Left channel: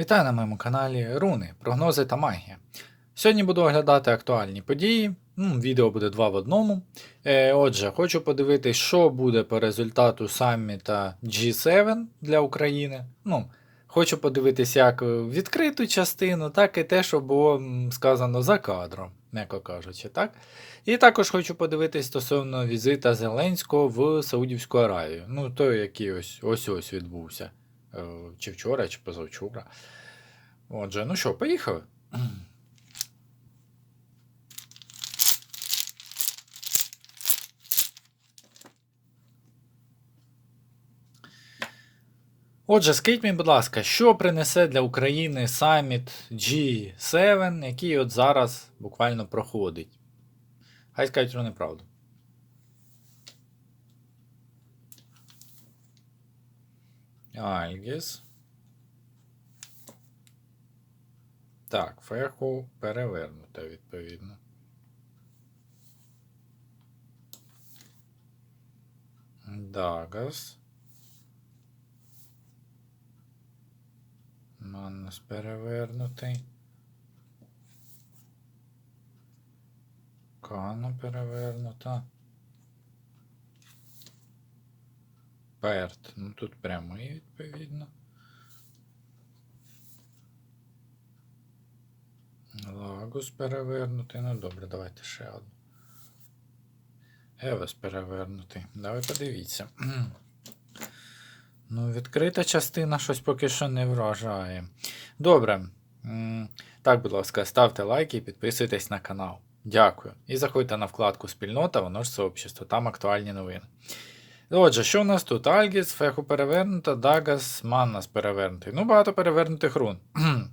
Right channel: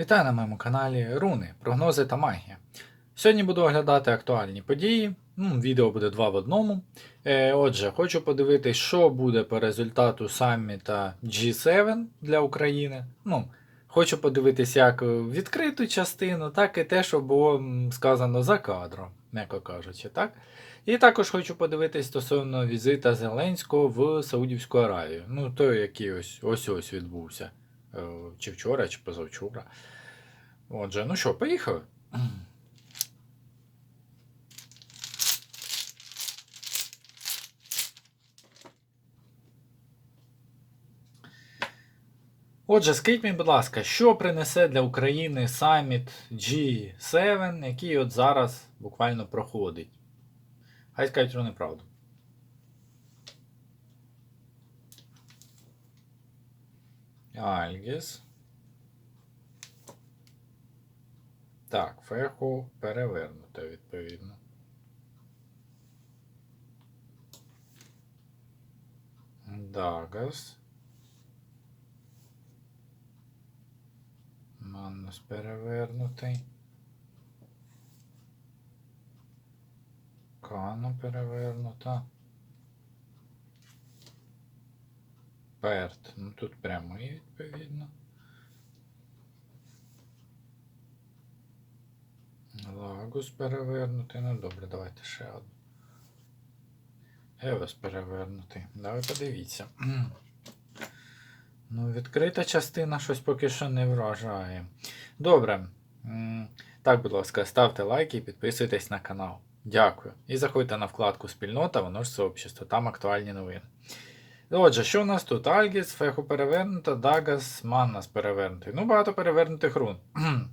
Вітаю на моєму каналі Руни, прогнози та магія. Сьогодні буду оглядати актуальні події. Ну, відео буде два в одному. Е, отже, хочу подивитись, що буде по результату саміта G7 для України. Ну, хочу подивитись як відкриту частину, так і те, що було сказано за кадром, м'яко кажучи. так? І також хочу подивитись стосовно візита Зеленського в Саудівську Аравію. Ну, той, який ось ось відбувся. Е, Чи вчора, чи позавчора. Отже, ну що, поїхали? Отже, скажіть мені, будь ласка, що принесе для України саміт G7, який от зараз буквально проходить? Хай скажуть, що неправду. Альгіс. Так, феху перевернута, відповідно. Дагас. Маннус перевернутий. Кана перевернута. Перт. Ну тут прямий, відповідно. Лагус перевернутий. Ну добре, давайте ще одну. Евес перевернутий. Давай подивіться. Ну, відкрита частина щось поки що не вражає. Добре. Так, будь ласка, ставте лайки і підписуйтесь на канал. Дякую. І заходьте на вкладку Спільнота, воно ж сообщество, там актуальні новини. Отже, що у нас тут? Альгіс, Феху перевернута, Дагас, Маннас перевернутий. Ну, багато перевернутих рун.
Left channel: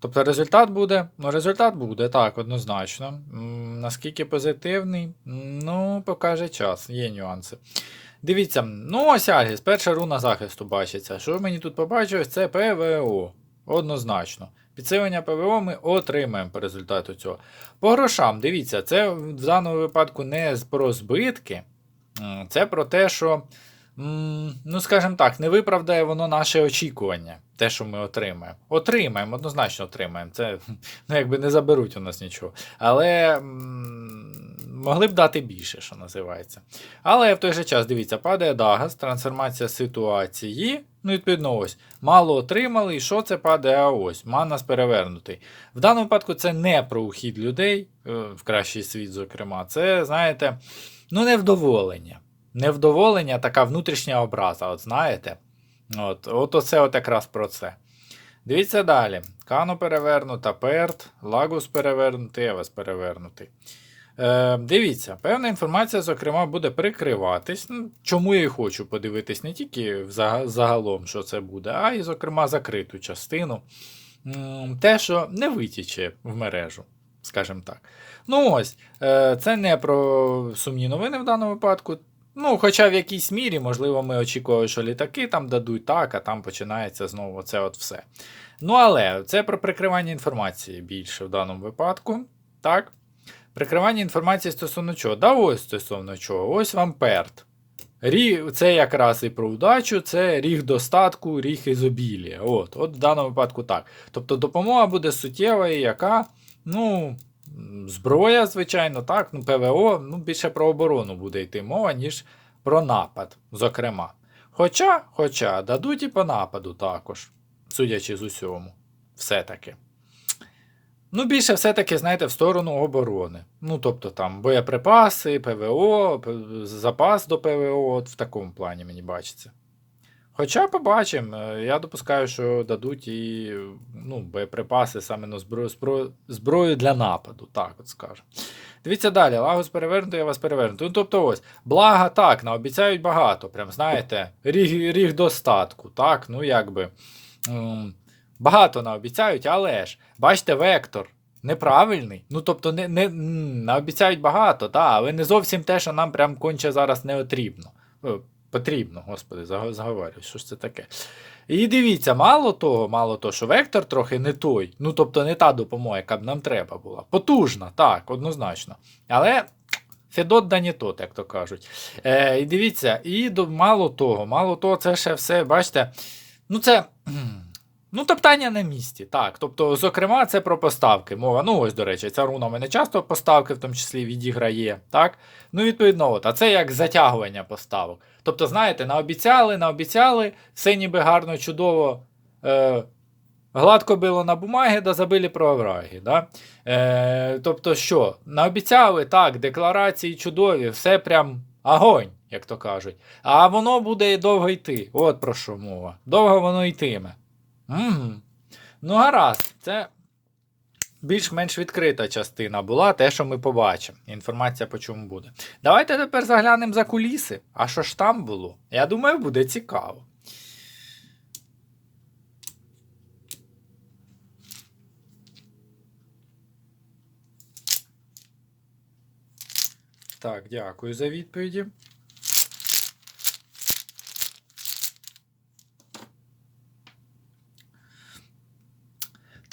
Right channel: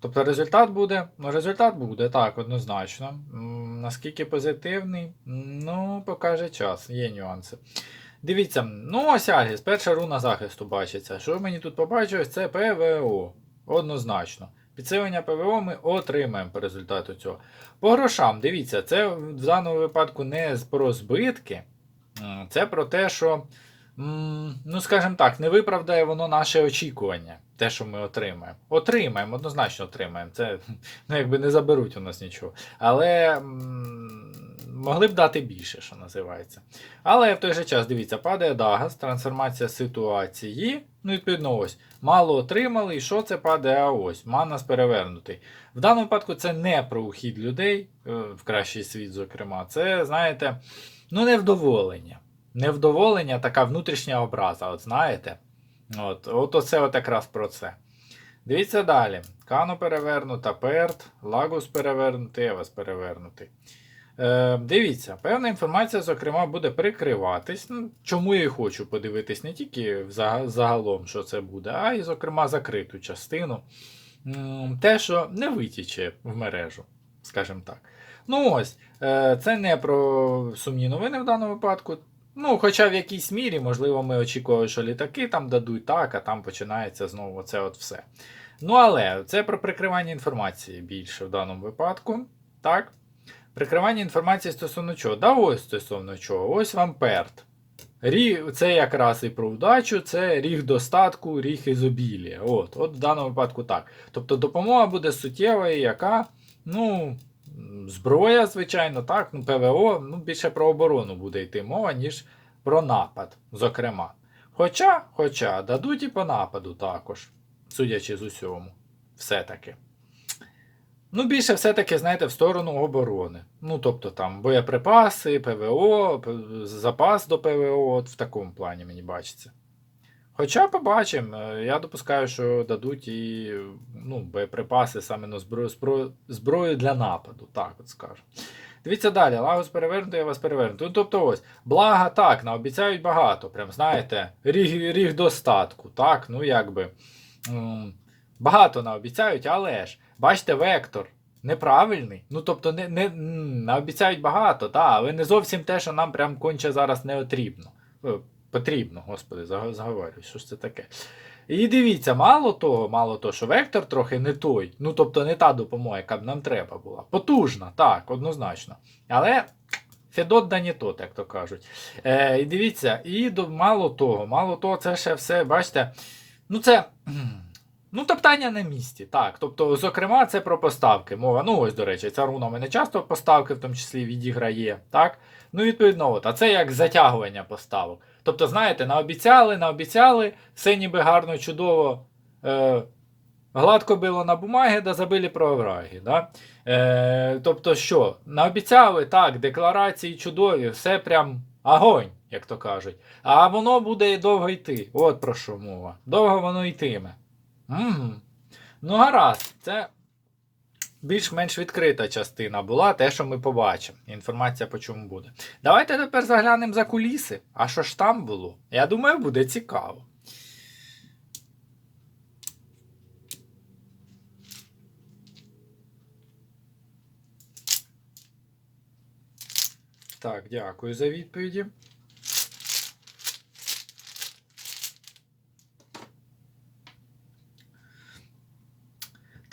Тобто результат буде? Ну, результат буде, так, однозначно. Наскільки позитивний? Ну, покаже час, є нюанси. Дивіться, ну ось Альгіс, перша руна захисту бачиться. Що мені тут побачилось, це ПВО. Однозначно. Підсилення ПВО ми отримаємо по результату цього. По грошам, дивіться, це в даному випадку не про збитки, це про те, що, ну скажімо так, не виправдає воно наше очікування, те, що ми отримаємо. Отримаємо, однозначно отримаємо. Це ну, якби не заберуть у нас нічого. Але могли б дати більше, що називається. Але в той же час, дивіться, падає Дагас, трансформація ситуації. Ну, відповідно, ось. Мало отримали, і що це падає? А ось. Манас перевернутий. В даному випадку це не про ухід людей е, в кращий світ, зокрема. Це, знаєте, ну, невдоволення. Невдоволення, така внутрішня образа, от знаєте. От, от оце от якраз про це. Дивіться далі. Кану перевернута, Перт, Лагус перевернутий, Евес перевернутий. Е, дивіться, певна інформація, зокрема, буде прикриватись. Ну, чому я і хочу подивитись не тільки загалом, що це буде, а й, зокрема, закриту частину. Те, що не витіче в мережу, скажімо так. Ну ось, е, це не про сумні новини в даному випадку. Ну, хоча в якійсь мірі, можливо, ми очікували, що літаки там дадуть так, а там починається знову це от все. Ну, але це про прикривання інформації більше в даному випадку. Так. Прикривання інформації стосовно чого? Да ось стосовно чого. Ось вам перт. Це якраз і про удачу, це ріг достатку, ріг ізобілія. От, от в даному випадку так. Тобто допомога буде суттєвою, яка, ну, зброя, звичайно, так, ну, ПВО, ну, більше про оборону буде йти мова, ніж про напад, зокрема. Хоча, хоча, дадуть і по нападу також, судячи з усьому. Все-таки. Ну, більше все-таки, знаєте, в сторону оборони. Ну, тобто там боєприпаси, ПВО, запас до ПВО, от в такому плані мені бачиться. Хоча побачимо, Е, я допускаю, що дадуть і ну, боєприпаси саме на зброю, зброю, зброю для нападу, так от скажемо. Дивіться далі, Лагос перевернутий, я вас перевернутий. Ну, тобто ось, блага так, наобіцяють багато, прям знаєте, ріг, ріг достатку, так, ну якби. Багато наобіцяють, але ж, бачите, вектор неправильний. Ну, тобто, не, не, наобіцяють багато, та, але не зовсім те, що нам прям конче зараз не потрібно. Потрібно, господи, заго- заговорюю, що ж це таке. І дивіться, мало того, мало того, що вектор трохи не той. Ну, тобто не та допомога, яка б нам треба була. Потужна, так, однозначно. Але Федот да не тот, як то кажуть. Е, і дивіться, і до, мало того, мало того, це ще все, бачите, ну це. Ну, топтання на місці, так. Тобто, зокрема, це про поставки. Мова. Ну, ось, до речі, ця руна в мене часто поставки, в тому числі відіграє. так. Ну, відповідно, от, а це як затягування поставок. Тобто, знаєте, наобіцяли, наобіцяли, все ніби гарно, чудово. Е, Гладко било на бумагі, да забили про овраги. Да? Е, тобто, що, наобіцяли, так, декларації чудові, все прям огонь, як то кажуть. А воно буде довго йти. От про що мова. Довго воно йтиме. Угу. Ну, гаразд, це більш-менш відкрита частина була, те, що ми побачимо. Інформація по чому буде. Давайте тепер заглянемо за куліси. А що ж там було? Я думаю, буде цікаво. Так, дякую за відповіді.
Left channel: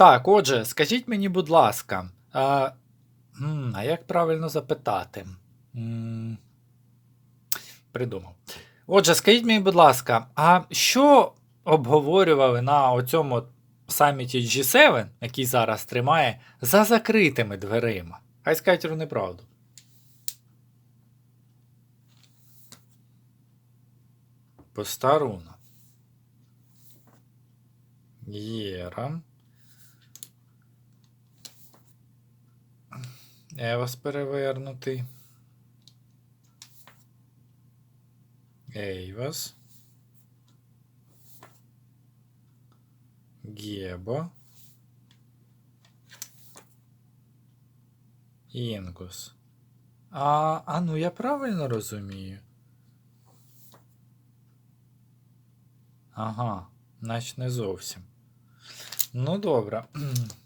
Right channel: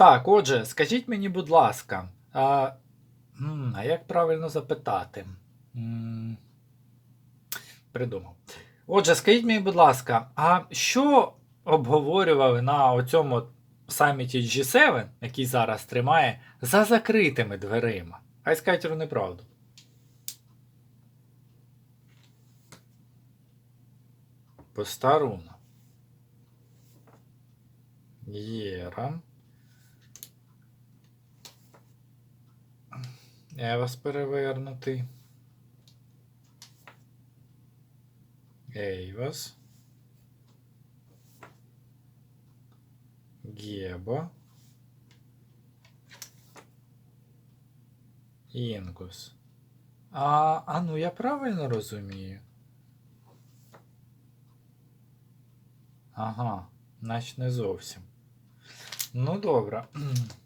Так, отже, скажіть мені, будь ласка, а, а як правильно запитати? Придумав. Отже, скажіть мені, будь ласка, а що обговорювали на оцьому саміті G7, який зараз тримає, за закритими дверима? Хай скажуть вони правду. Постаруна. Єра. Евас перевернутий. Ейвас. Гебо. Інгус. А, а ну я правильно розумію? Ага, значить не зовсім. Ну, добре.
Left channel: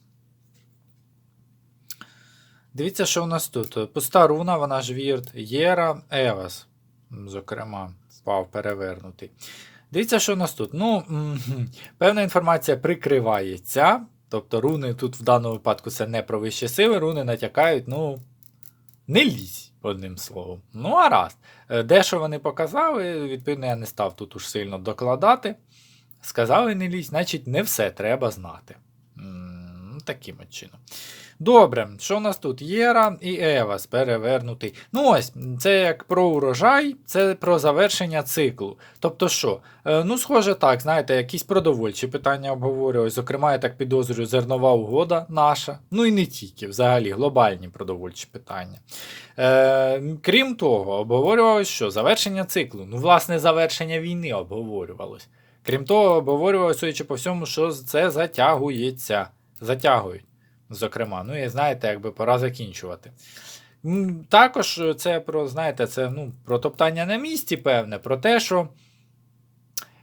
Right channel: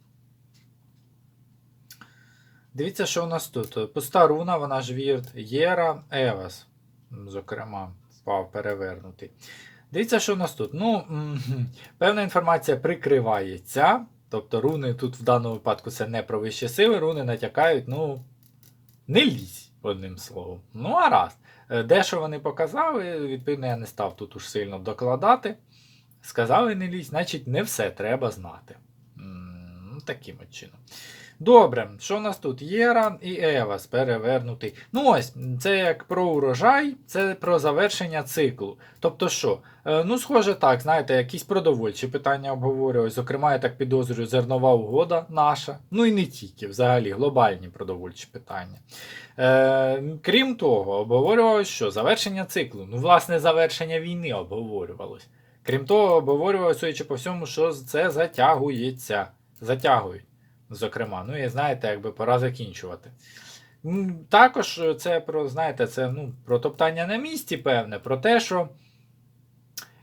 Дивіться, що у нас тут. Пуста руна, вона ж вірт, Єра, Евас. Зокрема, впав перевернутий. Дивіться, що у нас тут. Ну, певна інформація прикривається. Тобто руни тут в даному випадку це не про вищі сили, руни натякають, ну, не лізь, одним словом. Ну, а раз. Е, Дещо вони показали, відповідно, я не став тут уж сильно докладати. Сказали не лізь, значить, не все треба знати. Таким от чином. Добре, що у нас тут? Єра і Евас перевернутий. Ну ось, це як про урожай, це про завершення циклу. Тобто що? Е, Ну, схоже, так, знаєте, якісь продовольчі питання обговорювали. Зокрема, я так підозрюю, зернова угода наша. Ну і не тільки, взагалі, глобальні продовольчі питання. Е, Крім того, обговорювалося, що завершення циклу. Ну, власне, завершення війни обговорювалось. Крім того, обговорювалося, судячи по всьому, що це затягується. Затягують. Зокрема, ну і знаєте, якби пора закінчувати. Також це про, знаєте, це ну, про топтання на місці, певне, про те, що.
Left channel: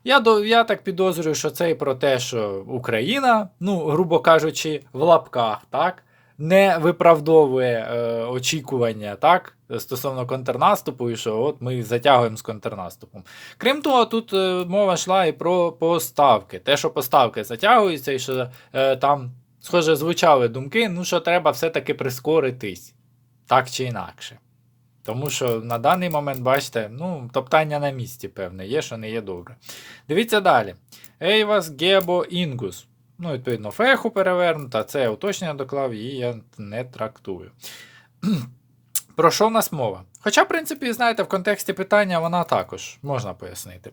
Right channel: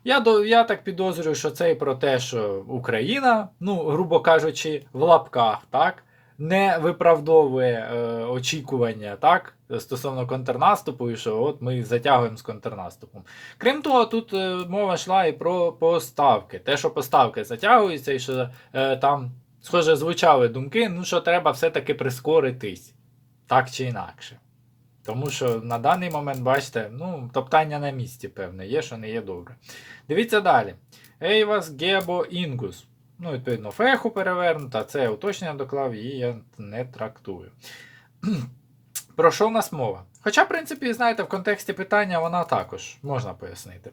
Я я так підозрюю, що це і про те, що Україна, ну, грубо кажучи, в лапках, так, не виправдовує е, очікування так, стосовно контрнаступу, і що от ми затягуємо з контрнаступом. Крім того, тут е, мова йшла і про поставки. Те, що поставки затягуються, і що е, там, схоже, звучали думки, ну що треба все-таки прискоритись, так чи інакше. Тому що на даний момент, бачите, ну, топтання на місці, певне, є, що не є добре. Дивіться далі. Ейвас Гебо Інгус. Ну, відповідно, феху перевернута, це уточнення доклав, її я не трактую. Про що в нас мова? Хоча, в принципі, знаєте, в контексті питання вона також можна пояснити.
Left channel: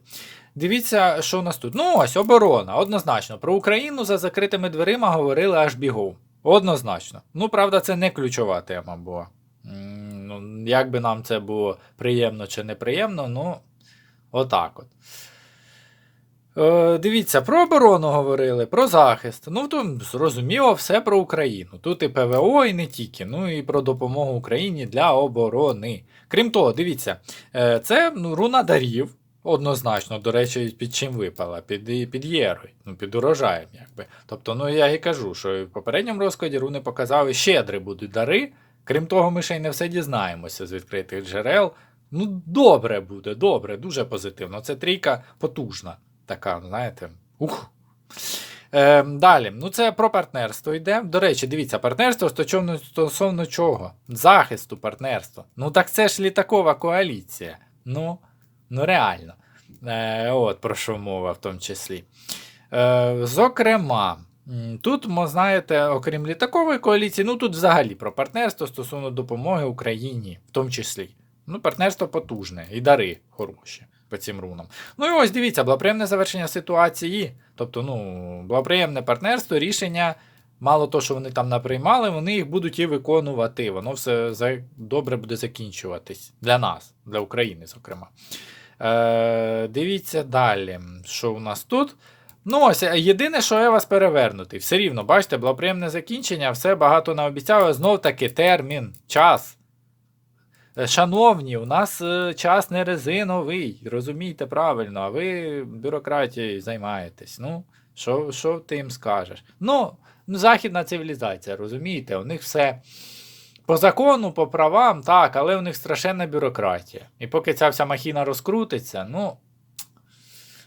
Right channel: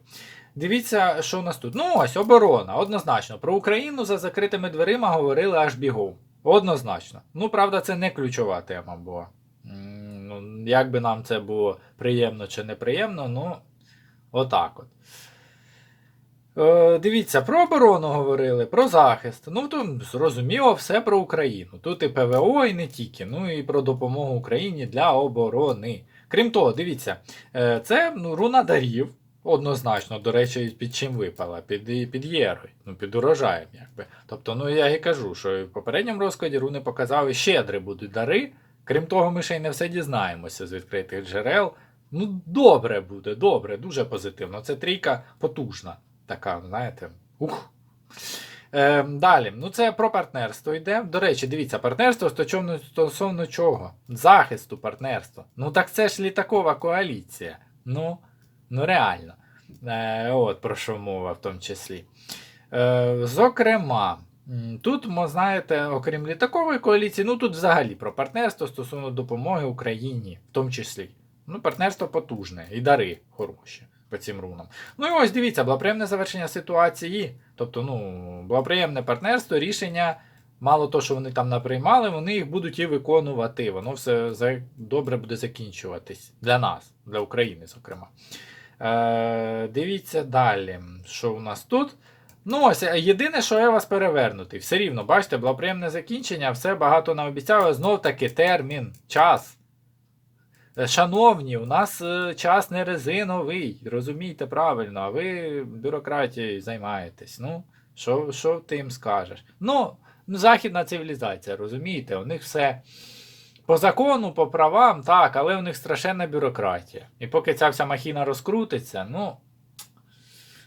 Дивіться, що у нас тут. Ну, ось оборона, однозначно. Про Україну за закритими дверима говорили аж бігом. Однозначно. Ну, правда, це не ключова тема була. Ну, як би нам це було приємно чи неприємно, ну, отак от. Е, дивіться, про оборону говорили, про захист. Ну, то зрозуміло, все про Україну. Тут і ПВО, і не тільки. Ну і про допомогу Україні для оборони. Крім того, дивіться, е, це ну, руна дарів. Однозначно, до речі, під чим випала? Під, під єрою, ну, під урожаєм, якби. Тобто, ну я і кажу, що в попередньому розкладі руни показали, щедрі будуть дари. Крім того, ми ще й не все дізнаємося з відкритих джерел. Ну, добре буде, добре, дуже позитивно. Це трійка потужна. Така, знаєте. Ух. Е, далі, ну це про партнерство йде. До речі, дивіться, партнерство стосовно, стосовно чого? Захисту партнерства. Ну так це ж літакова коаліція. Ну, ну реально. Е, от про що мова в тому числі. Е, зокрема, тут, знаєте, окрім літакової коаліції, ну тут взагалі про партнерство стосовно допомоги Україні, в тому числі. Ну, партнерство потужне і дари хороші по цим рунам. Ну і ось дивіться, благоприємне завершення ситуації. Тобто, ну, благоприємне партнерство, рішення. Мало того, що вони там наприймали, вони їх будуть і виконувати. Воно все добре буде закінчуватись для нас, для України, зокрема. Е, дивіться далі, що у нас тут. Ну, ось, е, єдине, що я вас перевернутий. Все рівно, бачите, благоприємне закінчення, все багато наобіцяли. Знов таки термін, час. Е, Шановні, у нас е, час не резиновий, розумійте правильно, а ви бюрократією займаєтесь. Ну, що, що ти їм скажеш? Ну, ну, західна цивілізація, розумієте, у них все по закону, по правам, так, але у них страшенна бюрократія. І поки ця вся махіна розкрутиться, ну.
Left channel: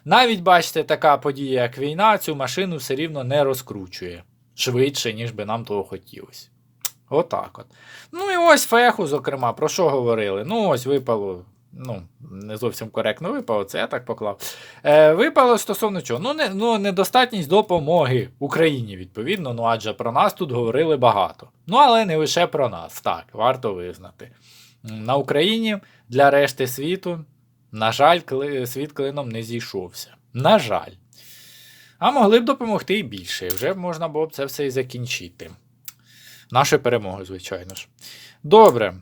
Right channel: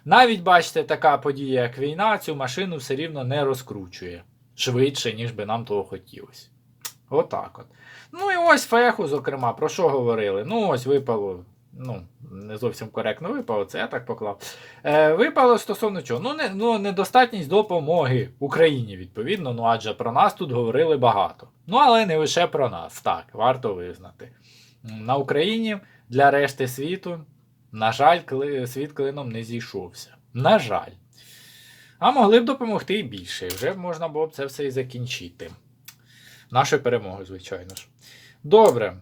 Навіть бачите, така подія, як війна, цю машину все рівно не розкручує швидше, ніж би нам того хотілося. Отак от. Ну і ось феху, зокрема, про що говорили? Ну, ось випало. Ну, не зовсім коректно випало, це я так поклав. Е, випало стосовно чого? Ну, не, ну, недостатність допомоги Україні, відповідно, ну адже про нас тут говорили багато. Ну, але не лише про нас, так, варто визнати. На Україні для решти світу, на жаль, кли, світ клином не зійшовся. На жаль. А могли б допомогти і більше. Вже можна було б це все і закінчити. Нашою перемогою, звичайно ж. Добре.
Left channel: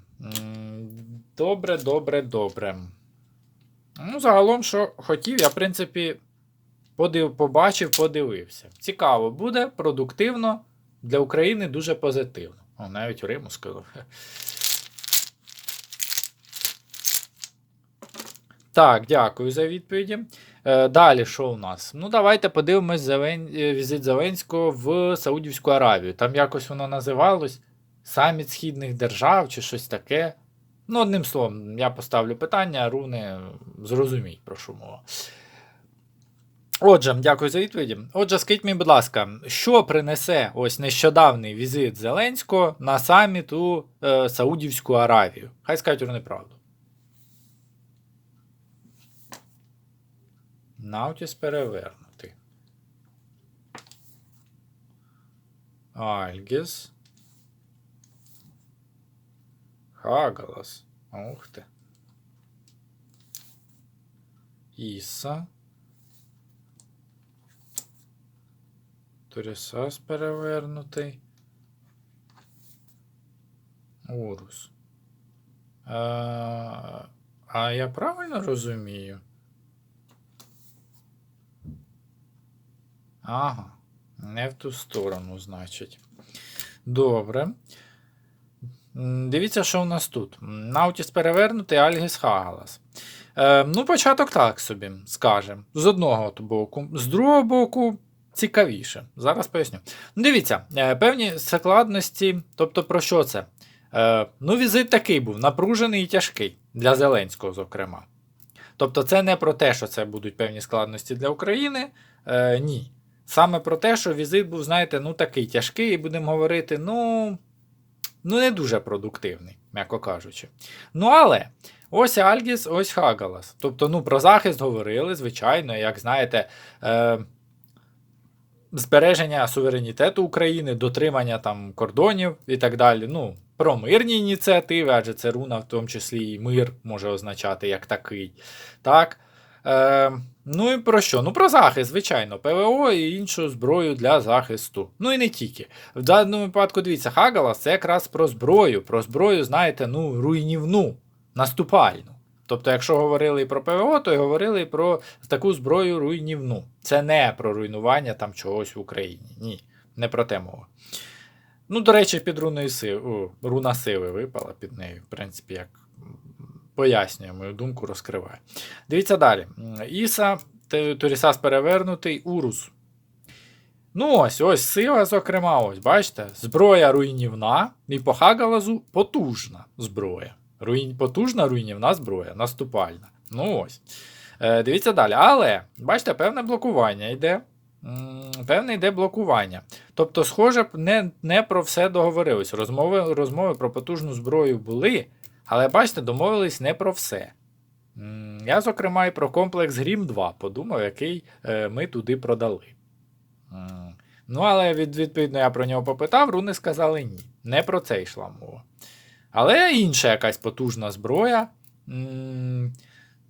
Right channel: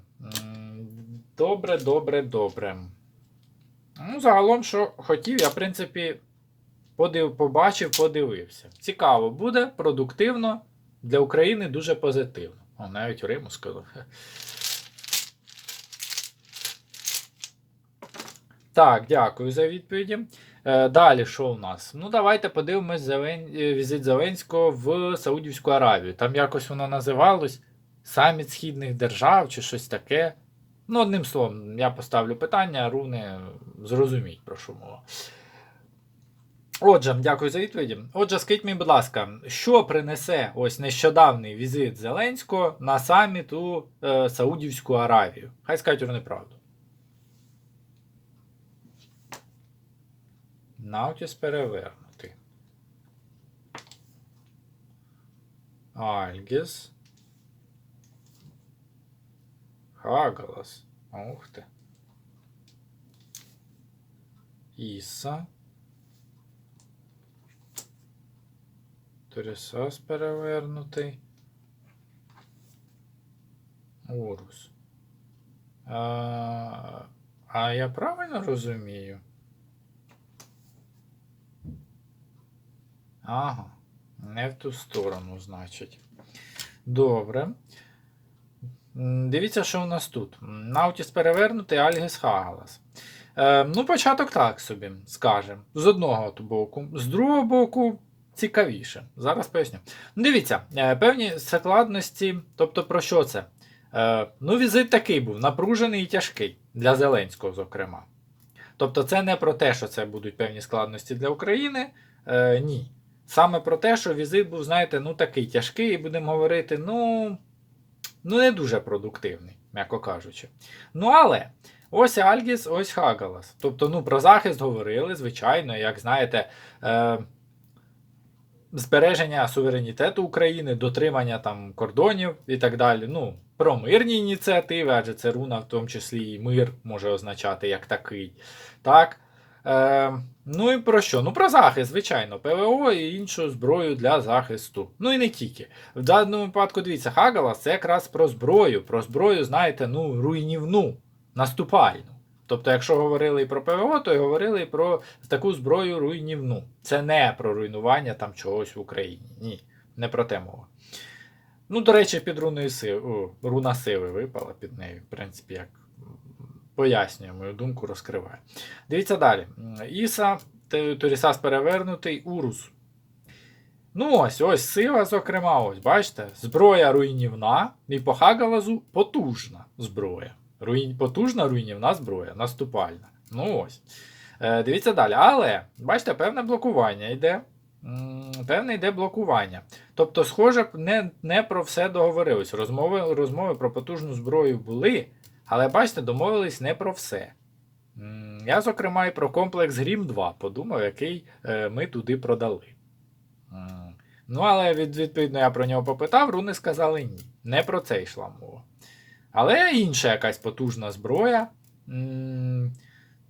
Добре, добре, добре. Ну, загалом, що хотів, я, в принципі, подив, побачив, подивився. Цікаво буде, продуктивно, для України дуже позитивно. О, навіть Риму сказав. Так, дякую за відповіді. Е, далі, що у нас? Ну, давайте подивимось Зелен... е, візит Зеленського в Саудівську Аравію. Там якось воно називалось Саміт Східних держав чи щось таке. Ну, одним словом, я поставлю питання, руни зрозуміють, про що мова. Отже, дякую за відповіді. Отже, скажіть мені, будь ласка, що принесе ось нещодавний візит Зеленського на саміт у е, Саудівську Аравію? Хай скажуть вони правду. Наутіс перевернутий. Альгіс. Хагалас. Ух ти. Іса. Торісас перевернутий. Урус. А, а я правильно розумію? Ага, не в ту сторону, значить. Добре. Дивіться, що у нас тут. Наутіс перевернутий, Альгіс Хагалас. Е, ну, початок так собі, скажемо. З одного боку. З другого боку, цікавіше. Зараз поясню. Ну, дивіться, е, певні складності, тобто про що це? Е, ну, візит такий був, напружений і тяжкий для Зеленського, зокрема. Тобто, це не про те, що це будуть певні складності для України. Е, ні. Саме про те, що візит був, знаєте, ну такий тяжкий, і будемо говорити, ну, ну не дуже продуктивний, м'яко кажучи. Ну, але ось Альгіс, ось Хагалас. Тобто, ну, про захист говорили, звичайно, як знаєте, е, збереження суверенітету України, дотримання там кордонів і так далі. Ну, про мирні ініціативи, адже це руна, в тому числі і мир може означати як такий. Так. Е, ну і про що? Ну про захист, звичайно, ПВО і іншу зброю для захисту. Ну і не тільки. В даному випадку, дивіться, Хагалас це якраз про зброю. Про зброю, знаєте, ну, руйнівну, наступальну. Тобто, якщо говорили і про ПВО, то й говорили і про таку зброю руйнівну. Це не про руйнування там чогось в Україні. Ні, не про те мова. Ну, до речі, під руною сили, руна сили випала під нею, в принципі, як пояснює мою думку, розкриває. Дивіться далі. Іса, Торісас перевернутий, Урус. Ну, ось, ось сила, зокрема, ось, бачите, зброя руйнівна, і по Хагалазу потужна зброя. Руйн... Потужна руйнівна зброя, наступальна. Ну ось. Е, дивіться далі. Але, бачите, певне блокування йде. Певне йде блокування. Тобто, схоже, не, не про все договорились. Розмови, розмови про потужну зброю були, але бачите, домовились не про все. Я, зокрема, і про комплекс Грім 2 подумав, який е, ми туди продали. Ну, але від, відповідно я про нього попитав, руни сказали ні. Не про це йшла мова. Але інша якась потужна зброя.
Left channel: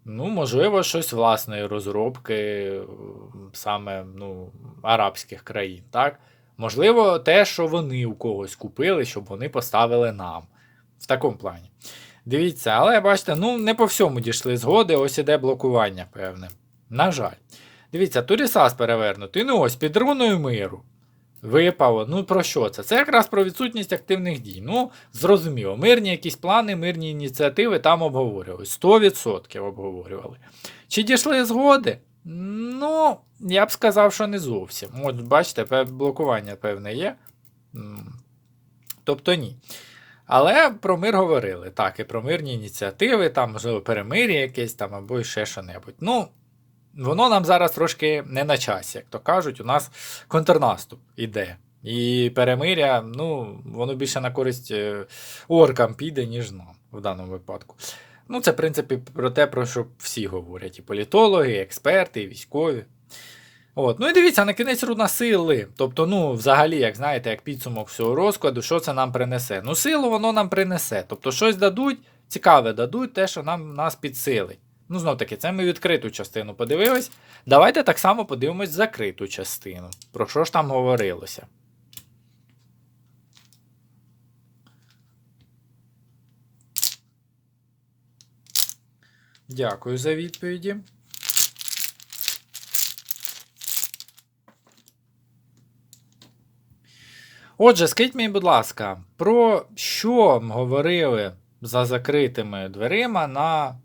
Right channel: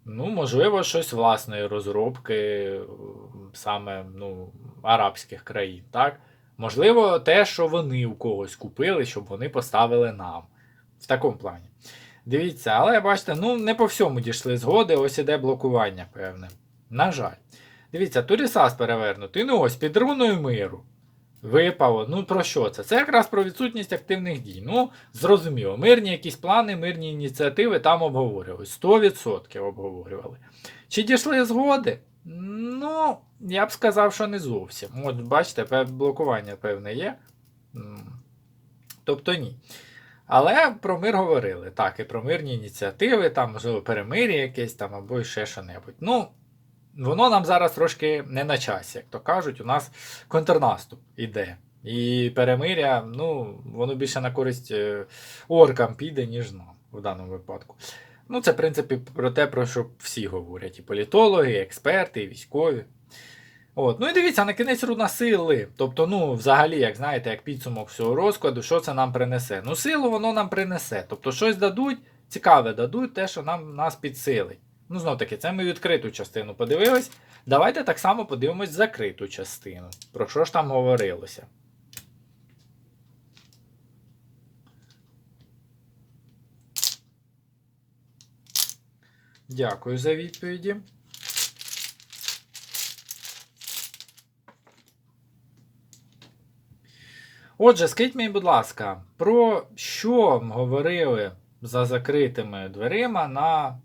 Ну, можливо, щось власної розробки, саме ну, арабських країн, так? Можливо, те, що вони у когось купили, щоб вони поставили нам. В такому плані. Дивіться, але бачите, ну не по всьому дійшли згоди, ось іде блокування, певне. На жаль. Дивіться, Турісас перевернутий. Ну ось під руною миру. Випало. Ну про що це? Це якраз про відсутність активних дій. Ну, зрозуміло, мирні якісь плани, мирні ініціативи там обговорювали. 100% обговорювали. Чи дійшли згоди? Ну, я б сказав, що не зовсім. От, бачите, блокування певне є. Тобто ні. Але про мир говорили. Так, і про мирні ініціативи, там, можливо, перемир'я якесь там або ще що-небудь. Ну, воно нам зараз трошки не на часі, як то кажуть, у нас контрнаступ іде. І перемиря, ну, воно більше на користь е, оркам піде, ніж нам в даному випадку. Ну, це, в принципі, про те, про що всі говорять: і політологи, і експерти, і військові. От. Ну і дивіться, на кінець руна сили. Тобто, ну, взагалі, як знаєте, як підсумок всього розкладу, що це нам принесе? Ну, силу воно нам принесе. Тобто, щось дадуть, цікаве дадуть, те, що нам нас підсилить. Ну, знов таки, це ми відкриту частину подивились. Давайте так само подивимось закриту частину. Про що ж там говорилося? Дякую за відповіді. Отже, скажіть мені, будь ласка, про що говорили за закритими дверима на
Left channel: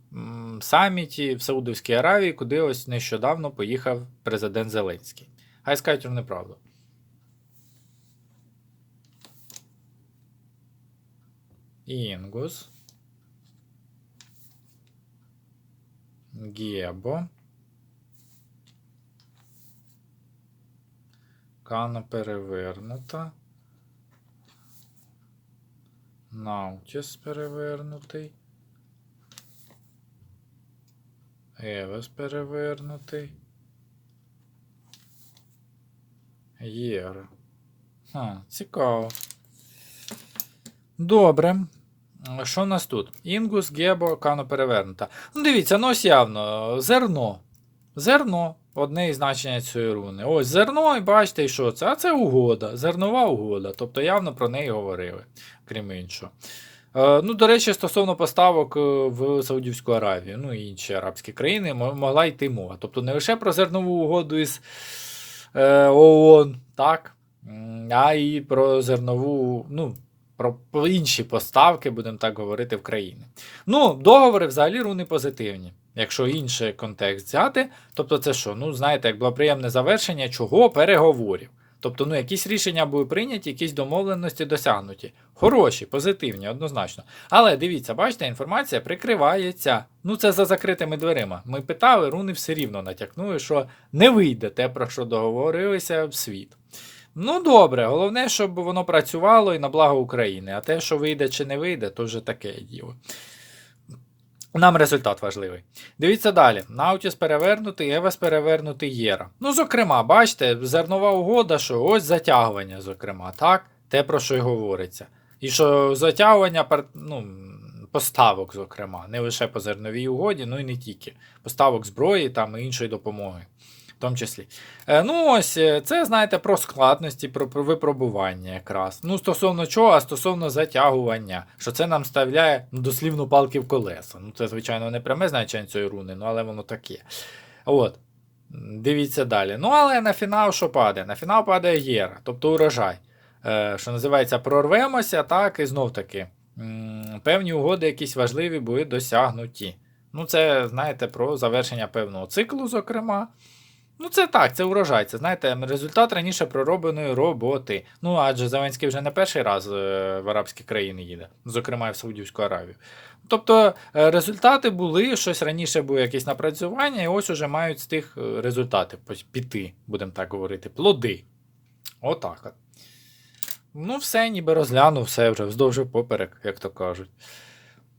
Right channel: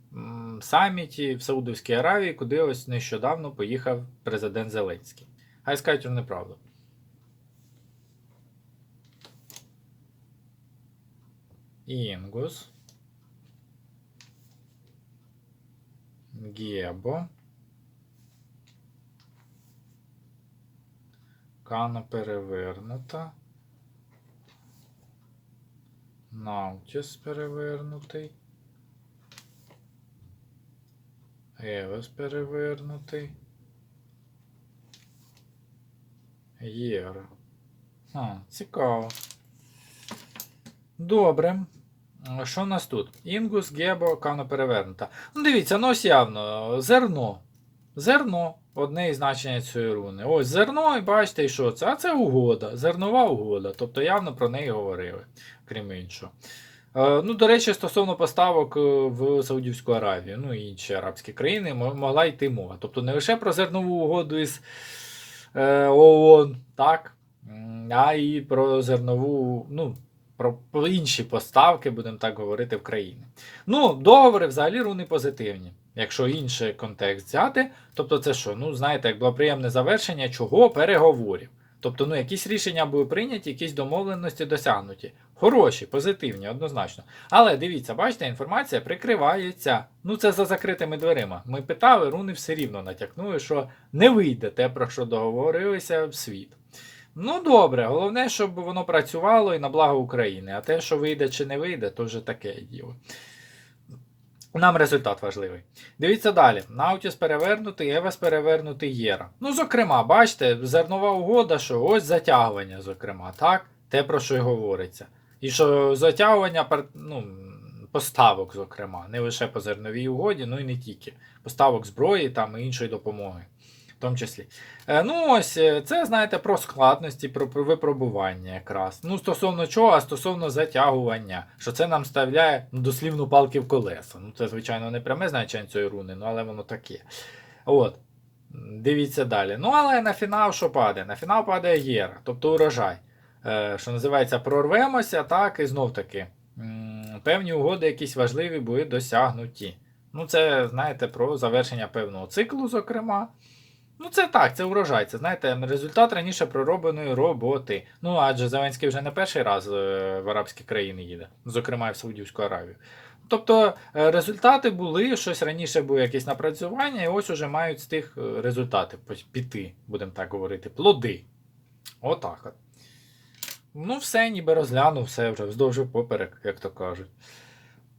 саміті в Саудовській Аравії, куди ось нещодавно поїхав президент Зеленський? Хай скажуть неправду. Інгус. Гебо. Кана перевернута. Наутіс перевернутий. Евес перевернутий. Єра. А, цікаво. Добре. Що у нас тут? Інгус, Гебо, Кано перевернута. Ну, дивіться, ну ось явно. Зерно. Зерно. Одне із значення цієї руни. Ось зерно, і бачите, що це? А це угода. Зернова угода. Тобто явно про неї говорили, крім іншого. Е, Ну, до речі, стосовно поставок е, в Саудівську Аравію, ну і інші арабські країни, могла йти мова. Тобто не лише про зернову угоду із е, ООН, так, а і про зернову, ну, про, інші поставки, будемо так говорити, в країни. Ну, договори взагалі руни позитивні. Якщо інший контекст взяти, тобто це що? Ну, знаєте, як було приємне завершення чого? Переговорів. Тобто, ну, якісь рішення були прийняті, якісь домовленості досягнуті. Хороші, позитивні, однозначно. Але дивіться, бачите, інформація прикривається. Ну, це за закритими дверима. Ми питали, руни все рівно натякнули, що не вийде те, про що договорилися в світ. Ну, добре, головне, щоб воно працювало і на благо України. А те, що вийде чи не вийде, то вже таке діло. Нам результат важливий. Дивіться далі. Наутіс перевернутий, Евес перевернутий Єра. Ну, зокрема, бачите, зернова угода, що ось затягування, зокрема, так? Те, про що й говориться. І що затягування ну, поставок, зокрема, не лише по зерновій угоді, ну і не тільки. Поставок зброї там і іншої допомоги. В тому числі. Е, ну, ось е, це, знаєте, про складності, про, про випробування якраз. Ну, стосовно чого, а стосовно затягування, що це нам ставляє ну, дослівно палки в колеса. Ну, це, звичайно, не пряме значення цієї руни, ну, але воно таке. От. Дивіться далі. Ну, але на фінал що падає? На фінал падає Єра, тобто урожай. Е, що називається, прорвемося, так, і знов таки. Певні угоди якісь важливі були досягнуті. Ну, це, знаєте, про завершення певного циклу, зокрема. Ну, це так, це урожай. Це знаєте, результат раніше проробленої роботи. Ну, адже Зеленський вже не перший раз е, в арабські країни їде, зокрема і в Саудівську Аравію. Тобто е, результати були, щось раніше було якісь напрацювання, і ось уже мають з тих е, результати піти, будемо так говорити, плоди. Отак от. Ну, все, ніби розглянув, все вже вздовж поперек, як то кажуть.